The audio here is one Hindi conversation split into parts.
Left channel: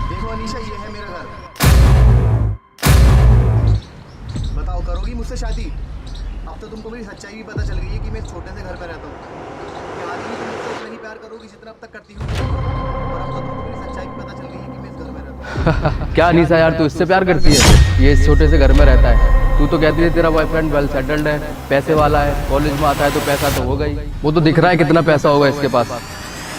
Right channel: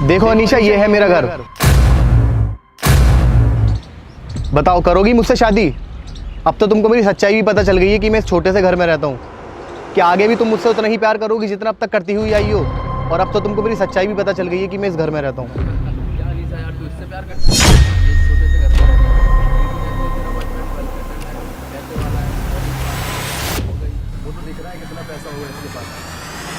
देखो अनीशा, ये है मेरा घर। बताओ, करोगी मुझसे शादी? अब तो तुमको मेरी सच्चाई भी पता चल गई है कि मैं इस छोटे से घर में रहता हूँ। क्या आगे भी तुम मुझसे उतना ही प्यार करोगी जितना अब तक करती हुई आई हो? और अब तो तुमको मेरी सच्चाई भी पता चल गई है कि मैं इस घर में रहता हूँ। क्या अनीसा यार, तू इससे प्यार करती है? ये इस छोटे से घर में रहता है। तू तो कहती है तेरा बॉयफ्रेंड वेल सेटल्ड है, पैसे वाला है, कॉलेज में आता है तो पैसा तो होगा ही। वो तो दिख रहा है कितना पैसा होगा इसके पास।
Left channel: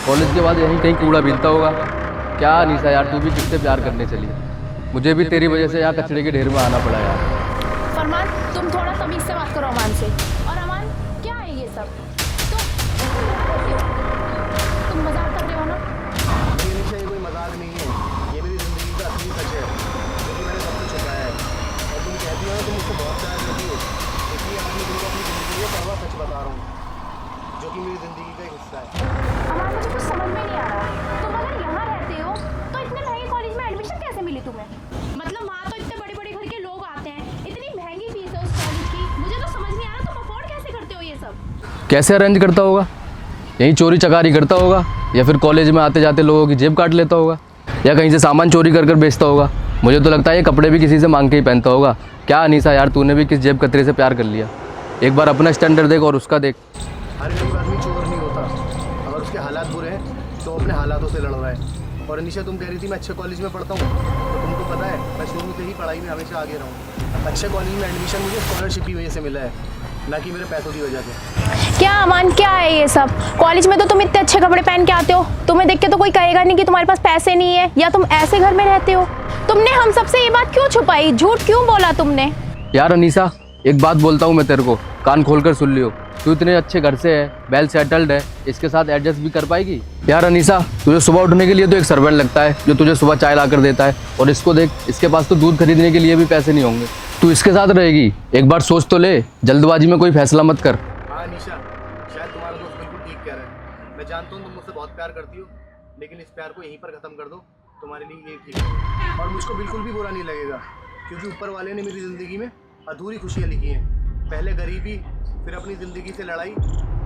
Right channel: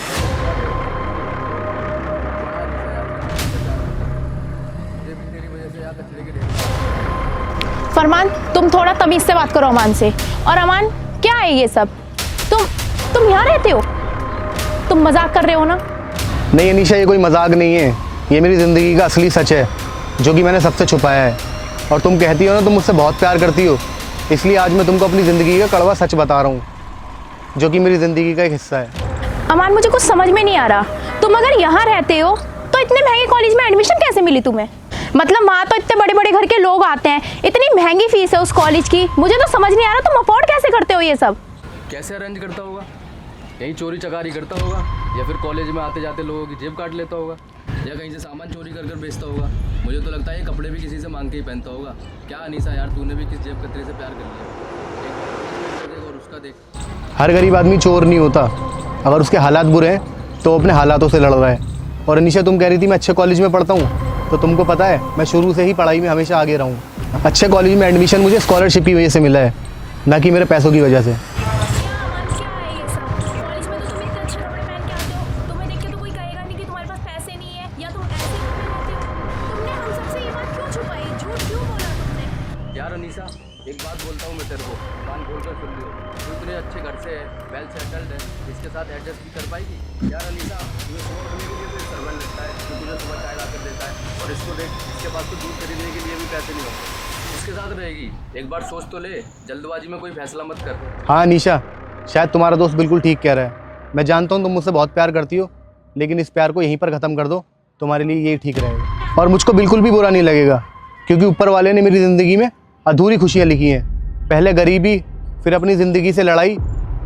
कॉलेज के बाद यहीं कहीं कूड़ा बीतता होगा। क्या अनीसा यार, तू भी किससे प्यार करने चली है? मुझे भी तेरी वजह से यहाँ कचरे के ढेर में आना पड़ा यार। फरमान, तुम थोड़ा तमीज से बात करो अमान से। और अमान, क्या है ये सब? तुम यहाँ रहते हो? तुम मजाक कर रहे हो ना? नहीं अनीशा, ये कोई मजाक नहीं है। ये मेरी ज़िंदगी का असली सच है जो कि मैंने सबसे छुपाया है। और तुम कहती हो ना तुम मुझसे बहुत प्यार करती हो, इसलिए आज मैं तुमको अपनी ज़िंदगी का कड़वा सच बता रहा हूँ जो कि मेरी ज़िंदगी का एक हिस्सा है। अमान, मुझे कुछ समझ में नहीं आ रहा। तुम अगर यहाँ रहते हो तो इतने महंगे कॉलेज में एडमिशन कैसे मिली तुम्हें? मतलब वहाँ तो इतने बड़े बड़े घर के लोग आते हैं, इतनी महंगी फीस है उस कॉलेज की। मुझे तो समझ नहीं आ रहा तुम अफोर्ड कैसे करते हो ये सब? कैसे अरेंज करता होगा? यहीं चोरी चकारी करता होगा, या फिर कॉलेज में आते जाते लोगों की जेब काट लेता होगा, या कहीं से सामान चोरी कर बेचता होगा। मुझे तो लगता है ये कपड़े भी किसी से मांग के ही पहनता होगा। क्या अनीसा यार, तूने भी किस जेब कतरे से प्यार कर लिया? एक बार अपना स्टैंडर्ड देख और उसका देख। हर गरीब आदमी चोर नहीं होता। अगर उसके हालात बुरे हैं तो अपने हालातों से लड़ रहा है। और अनीशा, तुम कह रही थी मैं अच्छे कॉलेज में पढ़ता हूँ, तो तुमको पता है मैं शुरू से ही पढ़ाई में हमेशा आगे रहा हूँ। अच्छे कॉलेज में एडमिशन मुझे स्कॉलरशिप की वजह से मिला है, ना कि मेरे पैसों की वजह से। क्या अमान, क्या है ये सब? कॉलेज में तो तुम इतने अच्छे कपड़े पहन के आते हो, तुम्हें देख के तो कोई कहेगा नहीं कि तुम्हारे पास पैसे नहीं है या तुम ऐसे घर में रहते हो। तुमने हम सबसे ये बात क्यों छुपाई? झूठ क्यों बोला तुमने? यार अनीसा, एक बात बोलता हूँ मैं तेरे को, कान खोलकर सुन लियो। तू इतने अच्छे घर से है, वेल सेटल्ड है, इसके साथ एडजस्ट भी कर पाएगी? यार अनीसा, तुझे सुबह उठने के लिए तो एक सर्वेंट लगता है जो तुझे सुबह चाय ला कर देता है, और इसको देख, इसके पास तो दूध खरीदने के लिए भी पैसे नहीं होंगे। तू इसके साथ रहेगी? एक बार सोच तो ले, जल्दबाजी में कोई फैसला मत कर। हाँ अनीशा, शायद तुम्हारा दोस्त बिल्कुल ठीक कह रहा है। मैं जानता हूँ तुम मुझसे बहुत प्यार करती हो, लेकिन इस प्यार को यहीं पर ख़त्म कर दो, तुम्हारे लिए यही ठीक रहेगा। और मुझको बिल्कुल भी बुरा नहीं लगेगा, क्योंकि ऊपर वाले ने मेरी ज़िंदगी में अधूरी खुशियाँ लिखी हैं। पहले गरीबी, फिर अपनी ज़िंदगी से लड़ाई,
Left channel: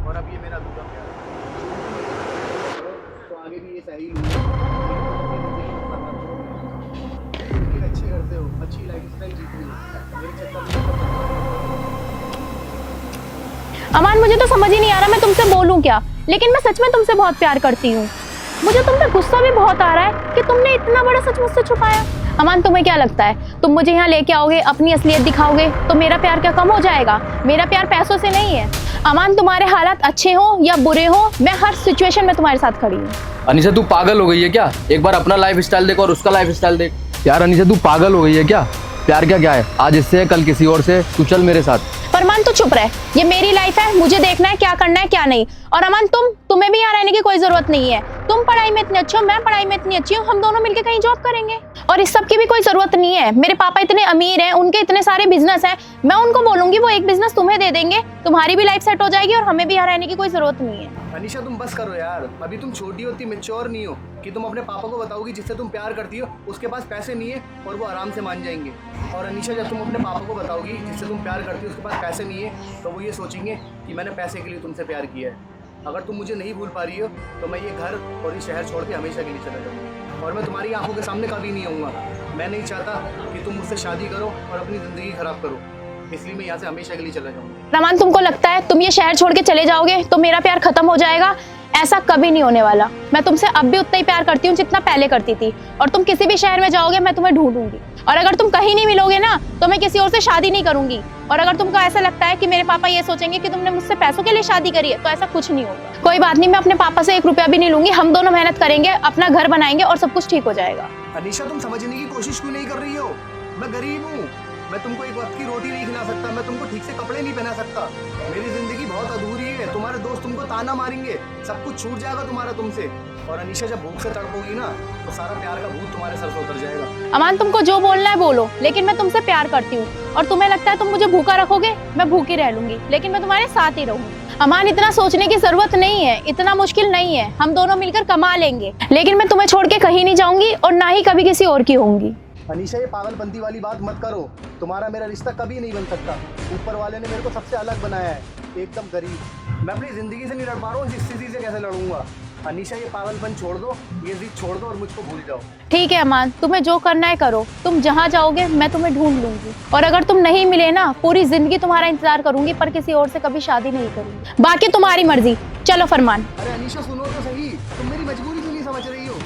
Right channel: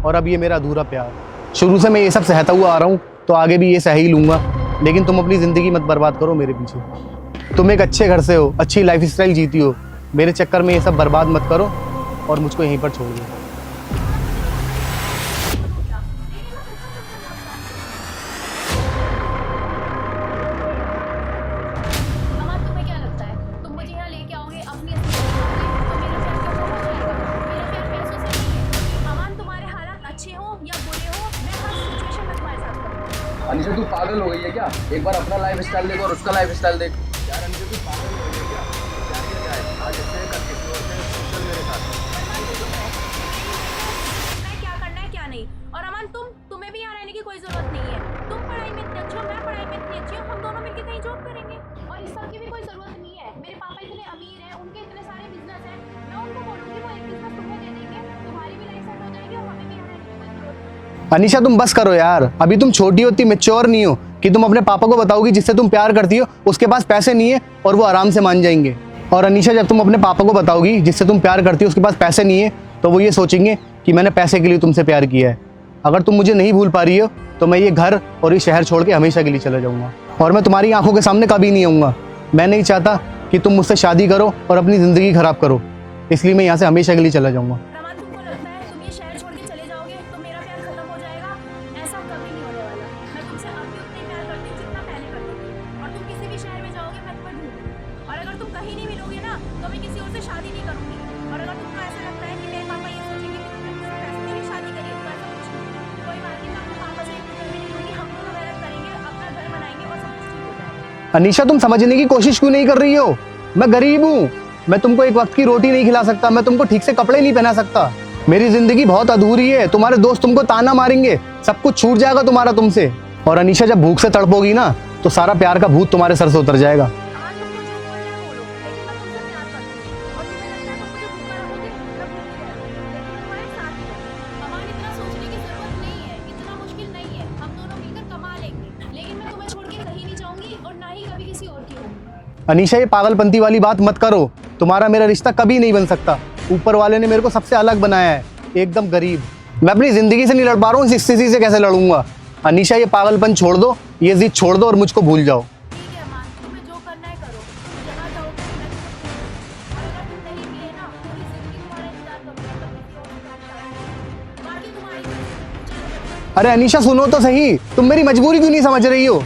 और अब ये मेरा अधूरा प्यार। शुरू से मैं ये सब सहता हुआ आ रहा हूँ, तो आगे भी ये सह ही लूँगा। लेकिन तुम अपनी ज़िंदगी मत बर्बाद करो मेरे पीछे। तुम एक अच्छे घर से हो, अच्छी लाइफस्टाइल जीती हो, मेरे चक्कर में ये सब बर्बाद मत करो और मुझको यहीं पर छोड़ दो। अमान, मुझे तो समझ ही नहीं आ रहा मैं तुमसे बोलूं क्या, लेकिन मैं सच में तुमसे बहुत प्यार करती हूँ। मुझे तुम पे गुस्सा भी बहुत आ रहा है कि तुमने इतना बड़ा सच मुझसे छुपाया। अमान, तुम्हें क्या लगता है तुम मुझे यहाँ लेके आओगे, अपनी असलियत दिखाओगे तो मेरा प्यार क्या कम हो जाएगा? मेरा प्यार पैसों से नहीं है। अमान, तुम्हारे हालात अच्छे हो या बुरे हो, मैं हर सिचुएशन में तुम्हारे साथ खड़ी हूँ। अनीसा, तू पागल हो गई है क्या? एक बार अपना लाइफ स्टाइल देख और उसका लाइफ स्टाइल देख। यार अनीसा, तू पागल हो गई है क्या? प्यार क्या है? आज इससे है, कल किसी और से। तू चल मेरे साथ। फरमान, तो चुप रहे। ये मेरी लाइफ है, मुझे देखना है क्या करना है क्या नहीं। और अमान, तुम्हें भी यहाँ रहने की कोई जरूरत नहीं है। तुम पढ़ाई में इतने अच्छे हो, मैं पढ़ाई में इतनी अच्छी हूँ, हम दोनों मिलकर कहीं जॉब करेंगे। और इस सब की भी कोई जरूरत नहीं है। मेरे पापा इतने अमीर हैं, उनके इतने सारे बिजनेस हैं, मैं उनको बोलूंगी वो एक बिजनेस तुम्हें दे देंगे, तुम्हारी भी लाइफ सेट हो जाएगी और हमें भी यहाँ रहने की कोई जरूरत नहीं है। अनीशा, तुम बस करो यार। अभी तुम छोटी हो, इतनी मैच्योर नहीं हो कि तुम अपने पापा को बताओगी जिससे तुम प्यार करती हो उसके पास पैसे नहीं है और वो आराम से मान जाएंगे। और अनीशा, जब तुम अपने पापा को बताओगी जिससे तुम प्यार करती हो उसके पास पैसे नहीं है, तो वो ये सोचेंगे कि मैंने पैसे के लिए तुमसे प्यार किया है। अगर तुम मुझे नहीं भूल पा रही हो तो मैं ये घर और ये शहर छोड़ के हमेशा के लिए चला जाऊंगा, और मैं तुम्हारी आंखों के सामने कभी नहीं आऊँगा। मैं नहीं चाहता कि तुम मुझसे शादी करो और अपनी ज़िंदगी खराब करो, इसलिए मैं यहाँ से हमेशा के लिए चला जाऊँगा। रमान, तुमको लगता है तुम ये शहर छोड़ के चले जाओगे तो मेरा प्यार खत्म हो जाएगा? ऐसा कभी नहीं होने वाला। मैं तुमसे अब भी उतना ही प्यार करती हूँ जितना पहले करती थी, और तुम किसी भी शहर में जाओगे मैं तुम्हें ढूंढूंगी, और अगर तुम कहीं नहीं मिलोगे ना तो मैं किसी और से शादी नहीं करूंगी। और अगर तुमको ऐसा लगता है कि मेरे पापा ये सोचेंगे कि तुमने मुझसे पैसों के लिए शादी करी है, तो ऐसा कुछ नहीं होगा। कोई बात नहीं, मैं अपने पापा से 1 रुपया भी नहीं लूंगी, हम दोनों मेहनत करेंगे, अपना घर बनाएंगे और सब कुछ ठीक हो जाएगा। अनीशा, तुम समझने की कोशिश क्यों नहीं कर रही हो? मैं गरीब हूँ, मैं तुमको एक वक्त की रोटी नहीं खिला सकता, मैं तुमको ठीक से कपड़े नहीं पहना सकता। मेरी जिंदगी बहुत अधूरी है। तुम्हारे दोस्त तुमको ताना मारेंगे, सब कुछ छूट जाएगा तुम्हारा तुमसे। और अनीशा, जब भूख से तड़पोगी ना तो सारा प्यार का भूत तुम्हारे सर से उतर जाएगा। अमान, तुमको जो बोलना है बोलो, लेकिन मैं तुमसे प्यार करती हूँ। और तुम्हें लगता है तुम मुझे भूखा रखोगे, मैं भूखी रह लूंगी, लेकिन मैं तुम्हारे साथ ही रहूंगी। अमान, इतना सोचने की जरूरत नहीं है, इतना मुश्किल नहीं है, हम दोनों मिलकर कमा लेंगे। लेकिन मैं तुम्हें छोड़ के कहीं नहीं जाऊंगी और ना ही कभी किसी और की होंगी। अनीशा, ये पागलपंती वाली बात मत करो। तुम्हारा मेरा रिश्ता कभी नहीं बन सकता। ऊपर वाले ने मेरे को सबसे अलग बनाया है, एकदम गरीब। मैं अपनी जिंदगी से नहीं लड़ पा रहा हूँ, इस स्थिति से कैसे लड़ूंगा? अनीशा, ये पागलपन छोड़ दो, ये जिद छोड़ दो और मुझको भूल जाओ। ठीक है अमान, तुम्हें जो करना है करो, तुम जहाँ जाओगे मैं तुम्हें ढूंढ लूंगी, और अगर तुम नहीं मिले ना पूरी जिंदगी तुम्हारा इंतजार करूंगी, पर किसी और से कभी शादी नहीं करूंगी। बाकी तुम्हारी मर्जी, चलो फरमान। अरे अनीशा सुनो तो सही, तुम मेरी मजबूरी क्यों नहीं समझ रही हो?